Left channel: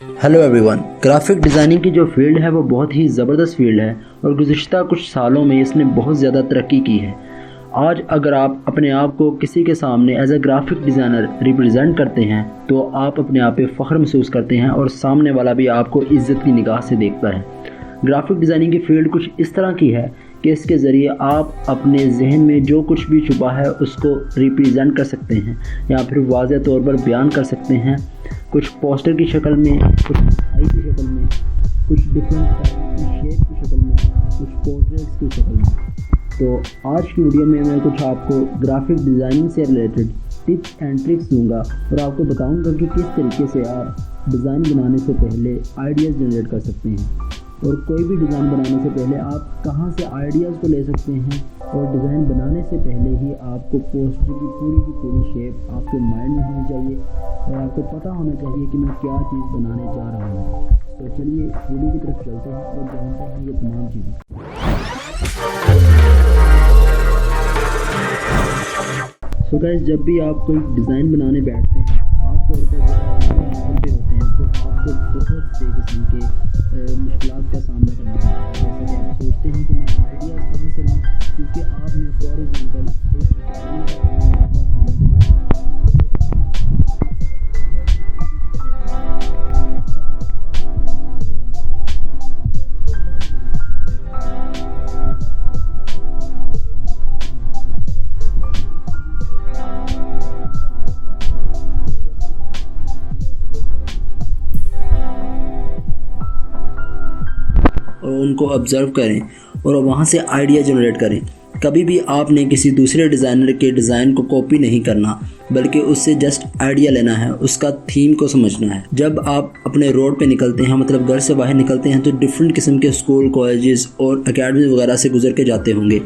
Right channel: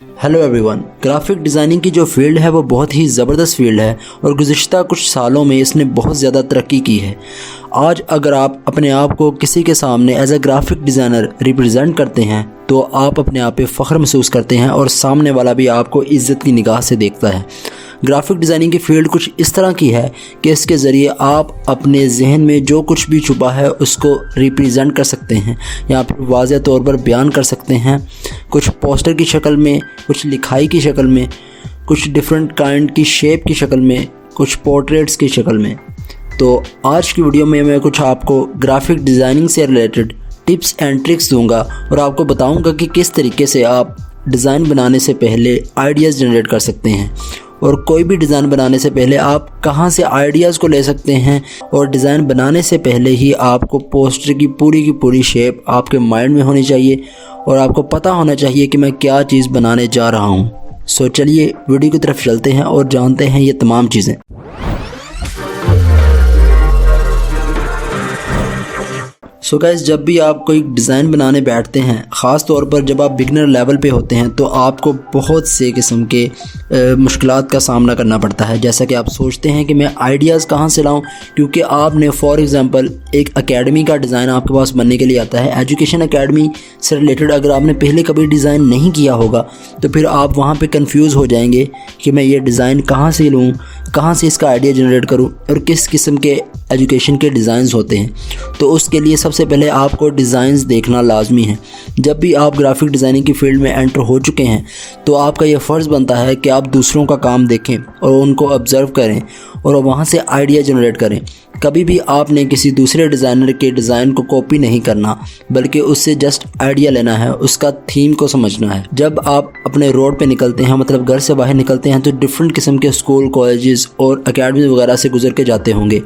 Hello everyone. Graphic designing की जो field है वो बहुत ही ज़बरदस्त फील्ड है और गुज़िश्ता कुछ सालों में इसने बहुत ज़्यादा तरक्की की है। आज अगर आप अपने आप को किसी के सामने as a graphic designer represent करते हैं तो आप अपने आप पे फ़ख्र महसूस करते हैं और सामने वाला भी आपको इज़्ज़त की निगाह से देखता है। ग्राफिक डिज़ाइनिंग की फील्ड कुछ इस तरह की है कि इसके ज़रिए आप अपने जहन में जो कुछ भी छुपा है उसको रिप्रेजेंट कर सकते हैं या फिर वाज़ेह तौर पर बयान कर सकते हैं, कुछ पोस्टर की शक्ल में, कुछ लिखाई की शक्ल में, कुछ डिफरेंट काइंड की शेप की शक्ल में, कुछ पोर्ट्रेट्स की शक्ल में। तो आज की वीडियो में मैं कुछ आपको ग्राफिक डिज़ाइनिंग से रिलेटेड टिप्स एंड ट्रिक्स दूंगा और आपको बताऊंगा कि किस तरीके से आप डिज़ाइन बनाने से पहले आइडियाज़ जनरेट कर सकते हैं और कोई भी डिज़ाइन बनाने से पहले आप कहां से आइडियाज़ को ले सकते हैं। और डिज़ाइन बनाने से पहले ही आपको पोस्टर की पूरी शेप आपके माइंड में होनी चाहिए और आपको पता होना चाहिए कि मैं क्या चीज़ बनाने जा रहा हूं। सो चलिए वीडियो की तरफ चलते हैं और जानते हैं ये तमाम चीज़ें। सो गाइस, जब भी आप कोई डिज़ाइन बनाने बैठते हैं, ख़ास तौर पर जब आप बिगनर लेवल पे होते हैं, तो आपको बहुत से किस्म के मुश्किलात का सामना करना पड़ता है। जैसा कि आप सोचते हैं कि मैं आइडियाज़ कहाँ से लाऊं, क्योंकि आपने फॉर एग्ज़ाम्पल एक एकेडमी का डिज़ाइन आपके पास बनने के लिए आता है। एजुकेशन एकेडमी से रिलेटेड अगर आपने पहले कभी डिज़ाइन नहीं किया होगा तो फिर आप वहाँ पर कन्फ्यूज़ हो जाएंगे कि मैं ये डिज़ाइन कहाँ से लूँ, कहाँ से इसका आइडिया जनरेट करूँ और किस किस्म के एजुकेशन के डिज़ाइंस होते हैं। तो उसके लिए सबसे पहले आपको डिज़ाइंस देखना लाजमी है। जब भी आप ग्राफिक डिज़ाइनिंग की फील्ड में एंटर हो चुके हैं तो आपका यह फ़र्ज़ बनता है कि आप दूसरों का काम देखें और उनको ऑब्ज़र्व करें और वहाँ से आइडिया जनरेट करें। कभी भी आपने किसी दूसरे डिज़ाइनर के डिज़ाइन को कॉपी नहीं करना, बल्कि उससे जस्ट आइडिया लेना है, उसका थीम को समझना है। जब आप अपने रोड पे निकलते हैं, मतलब घर से बाहर निकलते हैं, तो डिफरेंट किस्म के स्कूल, कॉलेजेस और अकेडमी वगैरह से गुजर के जाते होंगे।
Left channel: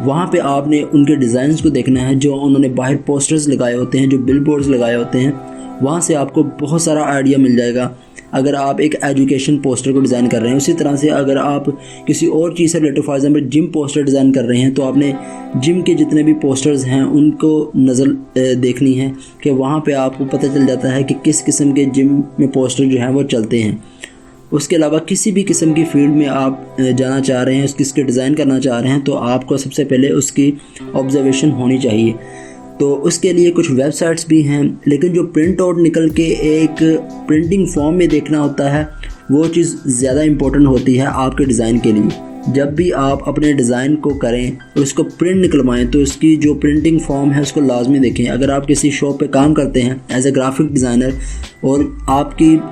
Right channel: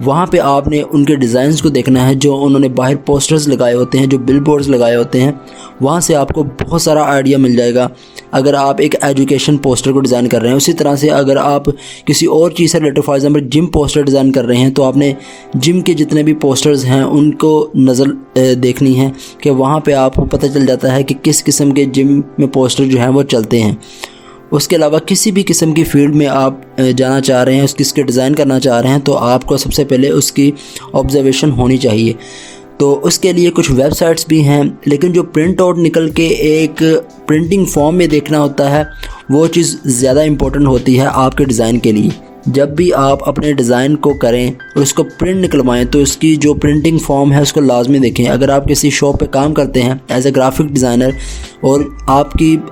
वहाँ पे आपने उनके डिज़ाइंस को देखना है जो उन्होंने बाहर पोस्टर्स लगाए होते हैं, जो बिलबोर्ड्स लगाए होते हैं। वहाँ से आपको बहुत सारा आइडिया मिल जाएगा अगर आप एक एजुकेशन पोस्टर को डिज़ाइन कर रहे हैं। उसी तरह से अगर आप किसी और चीज़ से related, for example gym poster design कर रहे हैं, तो आपने जिम के जितने भी पोस्टर्स हैं उनको नज़र देखनी है कि वहाँ पे आपको पता चल जाता है कि किस किस्म के जिम में पोस्टर जो हैं वो चलते हैं। उसके अलावा किसी भी किस्म की फील्ड में आप जाना चाह रहे हैं, उसके डिज़ाइन करना चाह रहे हैं, तो आपको सबसे पहले उसकी ऑब्जर्वेशन होनी चाहिए। तो उसके लिए कुछ वेबसाइट्स भी हैं, लेकिन जो प्रिंट आउट निकल के एक प्रिंटिंग फॉर्म में देखना होता है वो चीज़ ज़्यादा इम्पोर्टेंट होती है आपके डिज़ाइन के लिए। जब भी आप अपने डिज़ाइन को करें और उसको प्रिंट निकलवाएं तो उसकी जो प्रिंटिंग फॉर्म है उसको लाजमी देखें। अगर आप किसी शॉप पे काम करते हैं एज ए ग्राफिक डिज़ाइनर और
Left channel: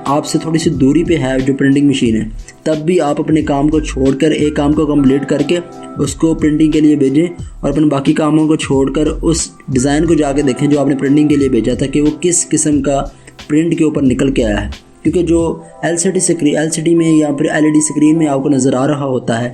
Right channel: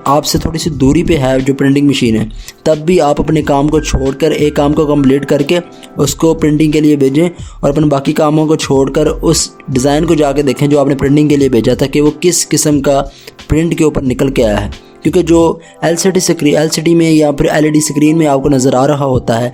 आपसे थोड़ी सी दूरी पे है जो प्रिंटिंग मशीन है, तब भी आप अपने काम को छोड़कर एक काम को कंप्लीट करके उसको प्रिंटिंग के लिए भेजें और अपने बाकी कामों को छोड़कर उस डिज़ाइन को जाके देखें जो आपने प्रिंटिंग के लिए भेजा था कि वो किस किस्म का प्रिंट के ऊपर निकल के आया है। क्योंकि जो एलसीडी में या फिर एलईडी स्क्रीन में आपको नज़र आ रहा होता है,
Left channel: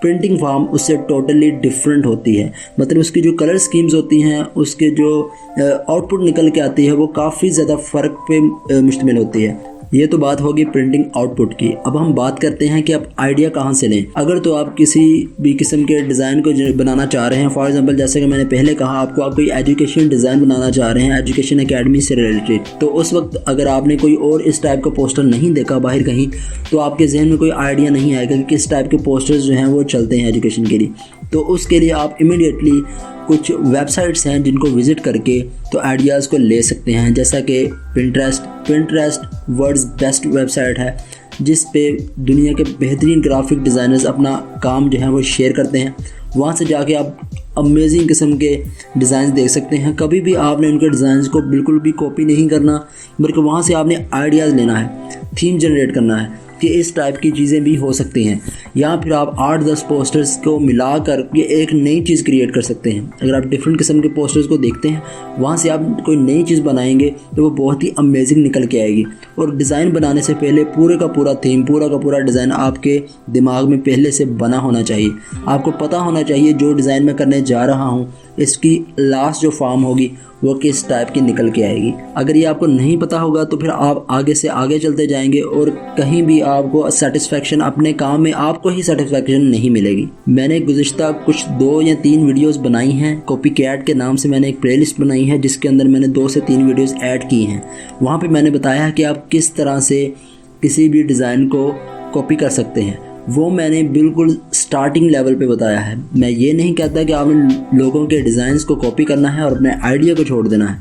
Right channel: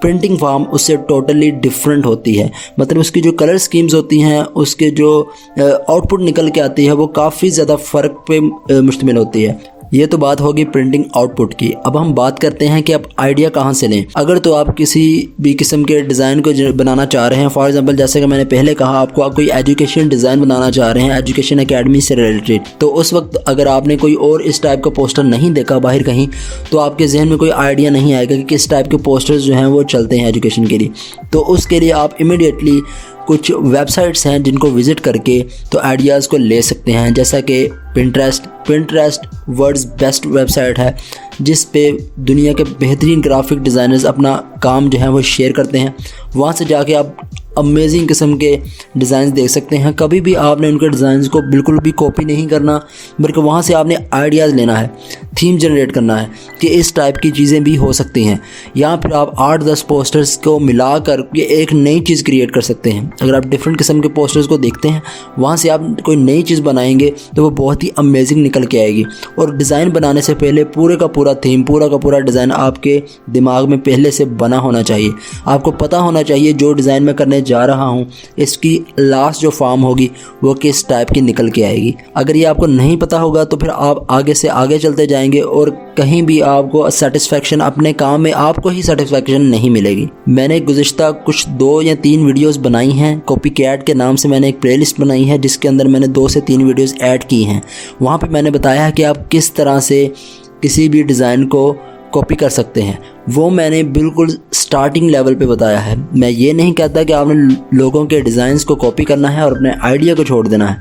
प्रिंटिंग फॉर्म उससे टोटली डिफरेंट होती है। मतलब उसकी जो कलर स्कीम्स होती हैं, उसके जो आउटपुट निकल के आती है वो काफ़ी ज़्यादा फ़र्क पे मुश्तमिल होती है। ये तो बात होगी प्रिंटिंग आउटपुट की। अब हम बात करते हैं कि आप आइडिया कहाँ से लें। अगर तो आप किसी भी किस्म के डिज़ाइन को बनाना चाह रहे हैं, फॉर एग्जांपल जैसे कि मैंने पहले कहा आपको, आप कोई एजुकेशन डिज़ाइन बनाना चाह रहे हैं एजुकेशन एकेडमी से रिलेटेड, तो उस वक्त अगर आपने कोई और इस टाइप का पोस्टर नहीं देखा बाहर कहीं, तो आपके जहन में कोई आइडिया नहीं आएगा कि किस टाइप के पोस्टर्स जो हैं वो चलते हैं एजुकेशन के लिए। तो उसके लिए आप इमीडिएटली कुछ वेबसाइट्स हैं जिनको विज़िट करके तो आइडियाज़ को ले सकते हैं। जैसा कि पिंटरेस्ट वर्ल्ड्स बेस्ट वेबसाइट है जिस पे दुनिया के बेहतरीन ग्राफिक डिज़ाइनर्स अपना काम जो है वो शेयर करते हैं। वहाँ से जाके आप अमेजिंग किस्म के डिज़ाइन देख सकते हैं। कभी भी आपने उनके डिज़ाइंस को बिल्कुल भी कॉपी नहीं करना, बल्कि वहाँ से आपने आइडियाज़ लेना है, थीम जनरेट करना है कि इस टाइप की चीज़ें भी हो सकती हैं। या फिर आप 8-10 पोस्टर्स को मिलाकर ये एक नई चीज़ क्रिएट कर सकते हैं। अगर आप डिफरेंट किस्म के पोस्टर्स को देखते हैं, वहाँ से आप कोई नई चीज़ बनाएंगे तो वो बहुत ही अमेजिंग निकल के आएगी। और डिज़ाइन बनाने से पहले पूरे का पूरा थीम, पूरा का पूरा डिज़ाइन आपके दिमाग में पहले से बना होना चाहिए। आपको पता होना चाहिए जो डिज़ाइन मैं करने जा रहा हूँ इसकी लास्ट जो फॉर्म होगी वो किस टाइप की निकल के आएगी। अगर ये आपको नहीं पता होगा तो फिर आप आगे से आगे चलते जाएंगे और कहीं भी आपको सेटिस्फेक्शन, अपने काम में आपको ही सेटिस्फेक्शन नहीं मिलेगी। मैंने गुज़िश्ता कुछ 2 या 3 वीडियोस बनाई हैं, कॉपी कैट के नाम से मैंने एक प्लेलिस्ट बनाई है जिसके अंदर मैंने 2 से 3 वीडियोस ऐड की हैं। वहाँ पे मैंने बताया है कि आप किस तरह से किसी भी डिज़ाइन को कॉपी कर सकते हैं, वो मैंने बिल्कुल स्टार्टिंग लेवल पे बताया है। मैं ये नहीं कहता कि आपने लोगों के डिज़ाइंस को कॉपी करना है और अपने आइडिया को छोड़ देना है।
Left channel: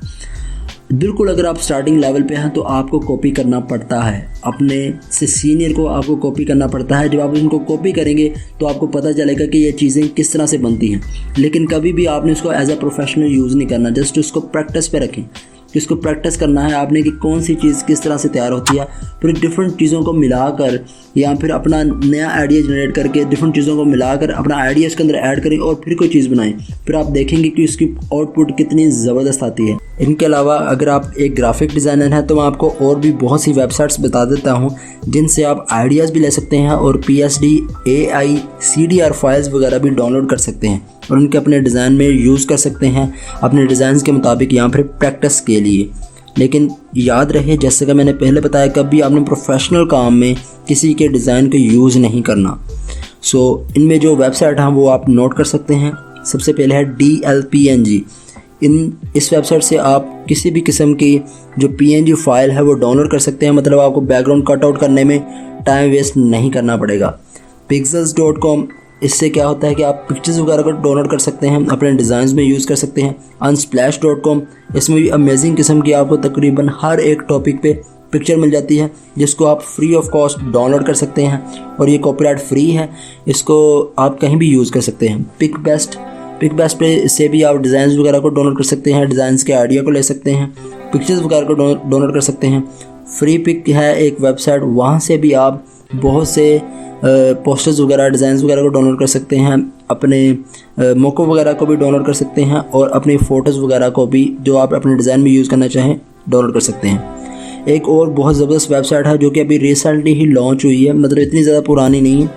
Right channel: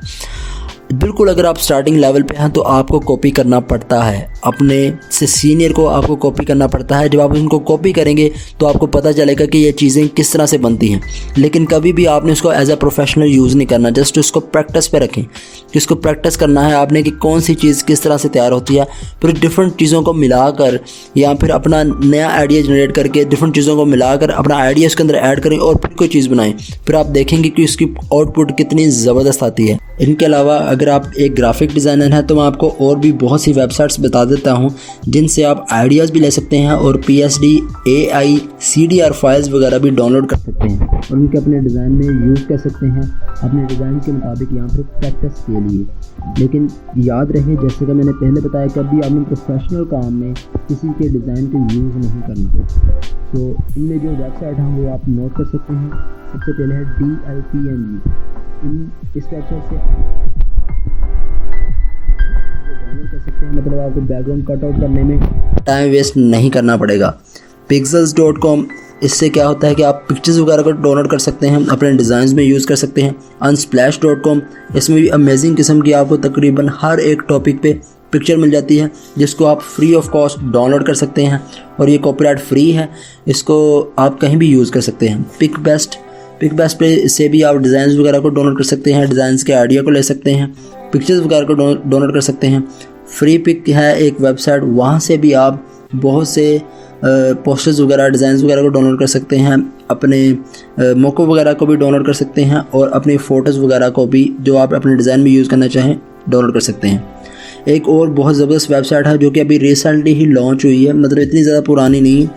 बिल्कुल अगर आप स्टार्टिंग लेवल पे हैं तो आपको कॉपी करना पड़ता है, अपने से सीनियर को आपको कॉपी करना पड़ता है। जब आप उनको कॉपी करेंगे तो आपको पता चलेगा कि ये चीज़ें किस तरह से बनती हैं, लेकिन कभी भी आपने उसको एज अ प्रोफेशनल यूज़ नहीं करना। जस्ट उसको प्रैक्टिस पे रखें कि उसको प्रैक्टिस करना है आपने कि कौन सी चीज़ किस तरह से तैयार होती है। फिर डिफरेंट चीज़ों को मिलाकर या फिर अपना नया आइडिया जनरेट करके डिफरेंट चीज़ों को मिलाकर अपना आइडिया उसके अंदर ऐड करें और फिर कोई चीज़ बनाएं। फिर आप देखेंगे कि उसकी आउटपुट कितनी ज़बरदस्त आती है। इनके अलावा अगर आप एक ग्राफिक डिज़ाइनर हैं तो मैं आपको और भी बहुत सी वेबसाइट्स बता देता हूं जिनसे आप आइडियाज़ भी ले सकते हैं और PSD, AI, CDR फाइल्स वगैरह भी डाउनलोड कर सकते हैं और उनके अपने डिज़ाइन में यूज़ कर सकते हैं अपने डिज़ाइन के मुताबिक यहाँ पर प्रैक्टिस के लिए। लेकिन याद रहे, जैसे कि मैंने पहले बताया, कभी आपने प्रोफेशनल काम में किसी के डिज़ाइन को यूज़ नहीं करना। इनमें जो वेबसाइट हैं वो आप नोट कर सकते हैं। सबसे पहले है DLPNG। इस वेबसाइट से आप किसी भी किस्म की जो PNG फाइल है वो डाउनलोड कर सकते हैं, मतलब आपको बैकग्राउंड कट आउट करने में टाइम वेस्ट नहीं करना पड़ेगा। Pixels.com, इससे क्या होता है कि आप पिक्चर्स वगैरह को डाउनलोड कर सकते हैं, अपने डिज़ाइंस में यूज़ कर सकते हैं। Unsplash.com, इसमें भी अमेजिंग किस्म की आपको तकरीबन हर एक टॉपिक पे पिक्चर मिल जाती है जिसको आप फ्री ऑफ कॉस्ट डाउनलोड कर सकते हैं और ये कॉपीराइट फ्री है, इसको आप कहीं भी यूज़ कर सकते हैं। पिकबेस्ट पे से भी आप डिज़ाइंस वगैरह को डाउनलोड कर सकते हैं, डिज़ाइंस के आइडिया को ले सकते हैं, पिक्चर्स वगैरह को डाउनलोड कर सकते हैं। फ्री पिक है एक वेबसाइट, वहाँ से भी आप बहुत से पोस्टर्स वगैरह, डिज़ाइंस वगैरह को डाउनलोड कर सकते हैं, अपने मोको वगैरह को भी डाउनलोड कर सकते हैं और अपनी फ़ोटोज़ वगैरह को भी जो आप अपने डिज़ाइन में यूज़ करना चाहें डाउनलोड कर सकते हैं। एक और बहुत ज़बरदस्त वेबसाइट है जो कि अभी रिसेंटली ही लॉन्च हुई है, मतलब इतनी ज़्यादा पुरानी नहीं है,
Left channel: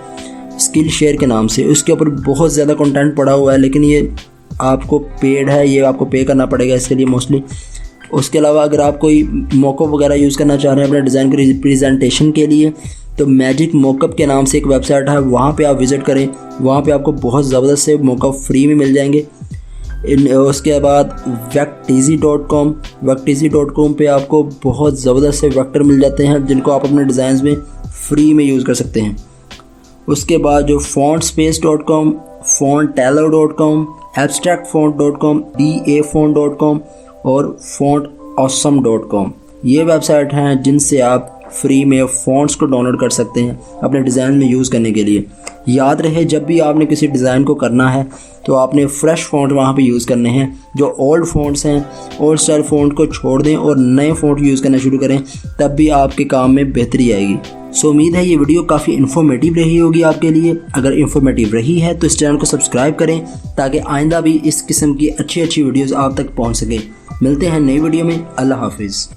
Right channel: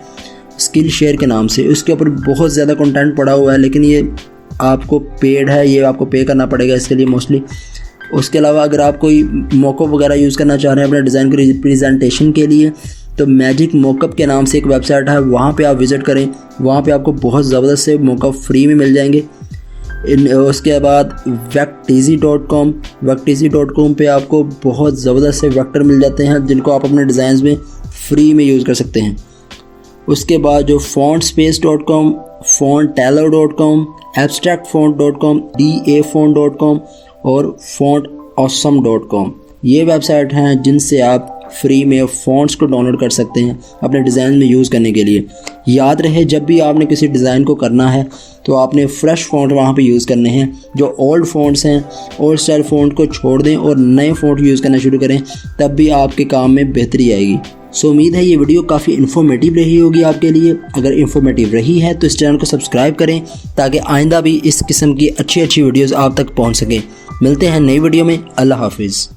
स्किल शेयर के नाम से। उसके ऊपर बहुत ज़्यादा कंटेंट पड़ा हुआ है, लेकिन ये आपको पेड है, ये आपको पे करना पड़ेगा इसके लिए मोस्टली। उसके अलावा अगर आप कोई मोको वगैरह यूज़ करना चाह रहे हैं अपने डिज़ाइन के प्रेजेंटेशन के लिए तो मैजिक मोकअप के नाम से एक वेबसाइट है, वहाँ पे आप विज़िट करें। वहाँ पे आपको बहुत ज़बरदस्त से मोकअप फ्री में मिल जाएंगे। उसके बाद Vecteezy.com पे आपको बहुत ज़बरदस्त से वेक्टर मिल जाते हैं जिनको आप अपने डिज़ाइंस में फ्री में यूज़ कर सकते हैं। उसके बाद जो fontspace.com, fontteller.com, abstractfont.com, dafont.com और fontawesome.com, ये वेबसाइट हैं जिनसे आप फ्री में फ़ॉन्ट्स को डाउनलोड कर सकते हैं अपने डिज़ाइन में यूज़ करने के लिए। याद रहे, जब भी आपने किसी डिज़ाइन को करना है तो आपने फ्रेश फ़ॉन्ट वहाँ पे यूज़ करने हैं। जो ओल्ड फ़ॉन्ट्स हैं, ओल्ड स्टाइल फ़ॉन्ट को छोड़ दें और नए फ़ॉन्ट यूज़ करना शुरू करें, तब भी आपके काम में बेहतरी आएगी। उम्मीद है ये वीडियो काफ़ी इन्फॉर्मेटिव रही होगी आपके लिए। अगर इन्फॉर्मेटिव रही है तो इस चैनल को सब्सक्राइब करें ताकि आइंदा भी इस किस्म की अच्छी वीडियोज़ आप तक पहुँच सकें। मिलते हैं नई वीडियो में। अल्लाह हाफिज़।